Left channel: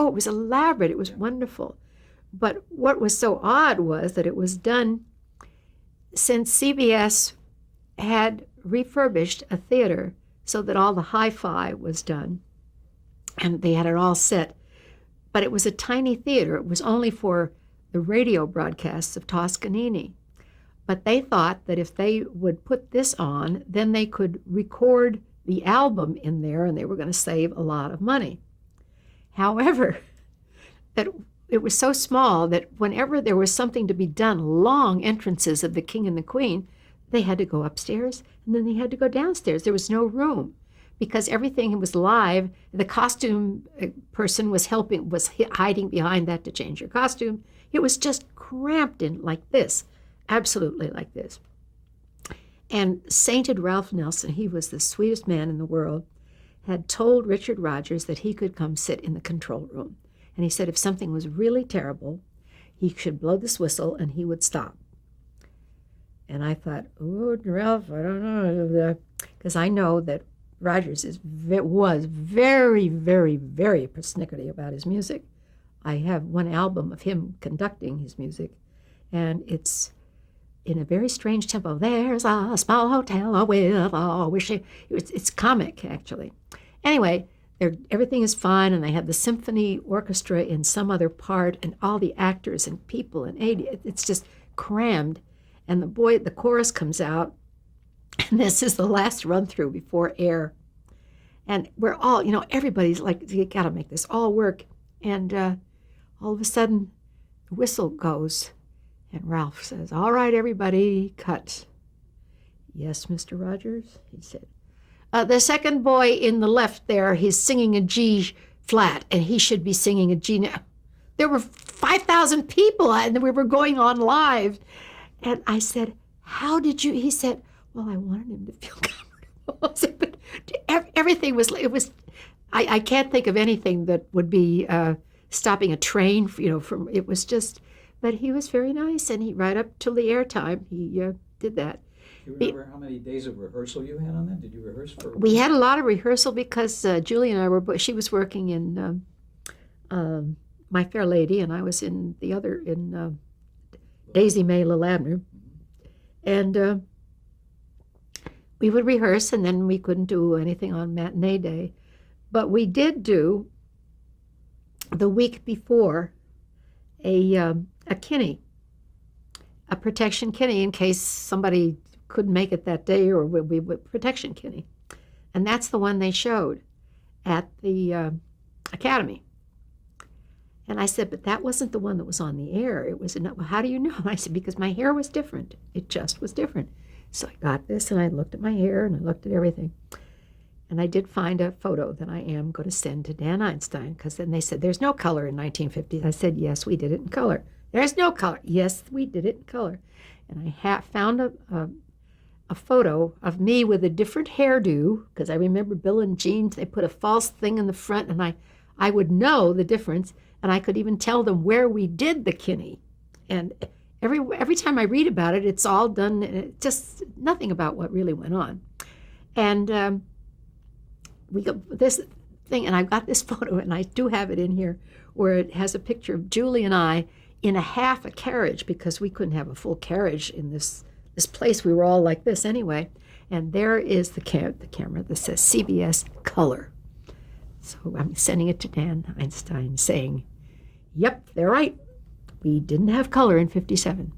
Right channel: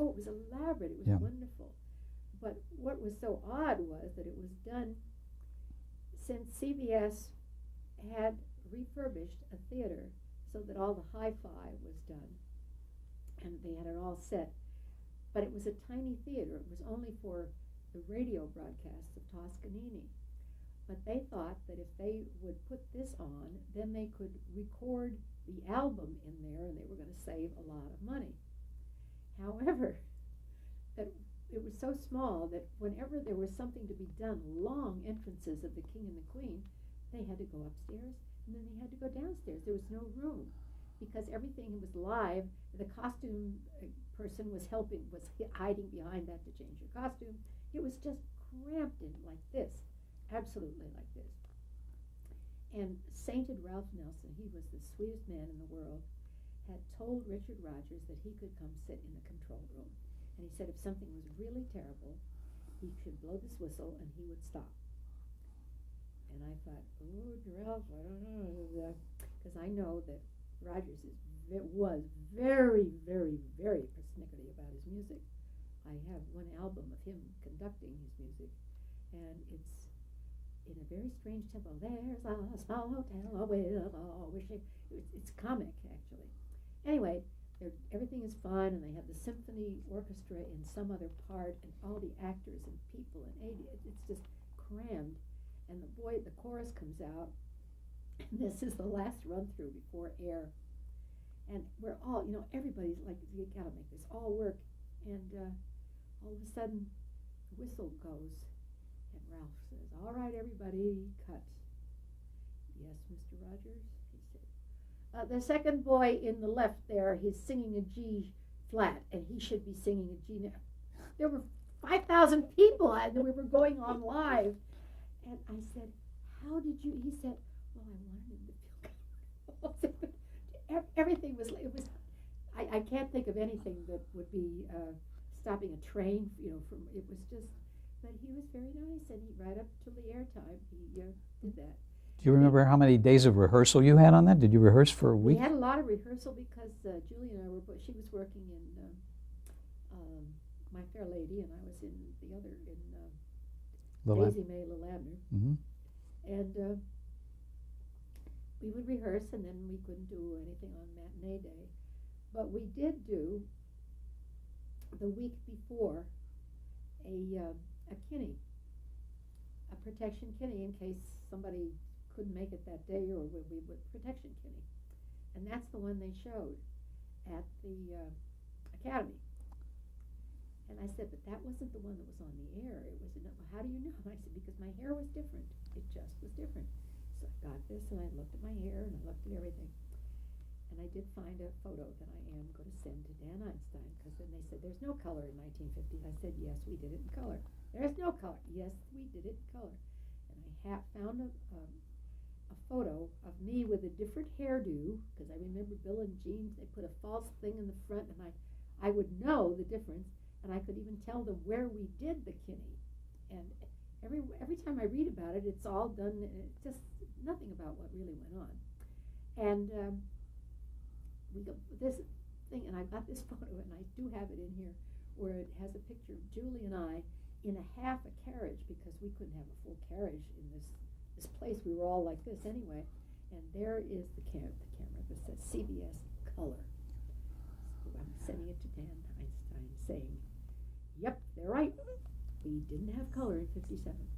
Oh, it was elaborate. It was wonderful. But what was so odd was that it was done since CBS had refurbished a theater so that all the hi-fi was done, and they had it all set. But it was a tiny theater. It was only for the radio broadcasts of Toscanini. But they thought that if they would put this on, then they could record the album in there, and they were going to save a lot of money. However, that it was so small that whenever there was something to be done, long entrances of the king and the queen, they had to go upstairs, and then they had to go downstairs. There was no room because everything was live. The costume person was hiding behind that to change your costume. It was just cramped in like this, absolutely like this. And sainted Ralph Nelson, he was the sweetest man in the world, had told Richard Rodgers that he could come sit in the control room. And he said if something was really terrible, he should blow this whistle and he would stop. And I thought, oh, Ralph, I don't know. Because I know that Rodgers was very, very, very persnickety about his music. I have one album of him conducting his music, and it's in a very strange tempo. There's a small hotel with a wishing. It's comic, actually. Anyway, everything is fine, and they have the symphony orchestra in some other part, and all the actors and people and Edie. It's just crammed. And the chorus comes out, and this is the last run through before air. And we're all, everybody's like, you got to make this all work. And all of a sudden, the whistle goes, and Ralph says, all right, everybody, cut. Yes, Mr. Rodgers, he said. The second boy in the left there, he's singing a G flat, and he should be singing a G. Now, there were 5,000 people, and we were going on live. And I said, how did you? He said, well, I wanted him to feel comfortable. I said, but everything was, I can't think of anything that would be stopping a train, from, it was just, but he was very nice. And he, right up till the airtime, he did that. Do you remember how many days of rehearsal you had on that? Did you rehearse for a week? We had a lot of rehearsal because Julie and I she was working in My Fair Lady, and I was in the other, in Daisy May Lil Abner. Mm-hmm. And we would rehearse, and then we couldn't do anything on matinee day. But we did do, the week before, a kinney, a protection kinney in case somebody couldn't make it that day, or we would protection kinney. And that's the one they showed at the Academy. And I said, but that wasn't the one that was on the air. It was, well, how do you know? I said, because my hair was different. It just was different. So I got this, and I looked at my hair, and I looked at everything. And I did find a photo that I am going to send to Dan Einstein, because then they said, there's no color in 1950s. I said, yes, we did it in color. There's no color. Yes, we did it in color. And I found a photo of me with a different hairdo, because I remember Bill and Jean, they put a false thing in the front, and I would know the difference, and I could even tell them where we did the kinney. And every time I read about it, it's all done, just nothing about what really went on. And we got this thing, and I've got this photo, and I do have it in here, where it has a picture of Julie and I in half a carriage, because we couldn't have a full carriage in this place. We were all like this anyway. And there is the camera that says CBS Color. So I'm sending it to Dan Einstein saying, yep, they're right. We didn't have color in 57.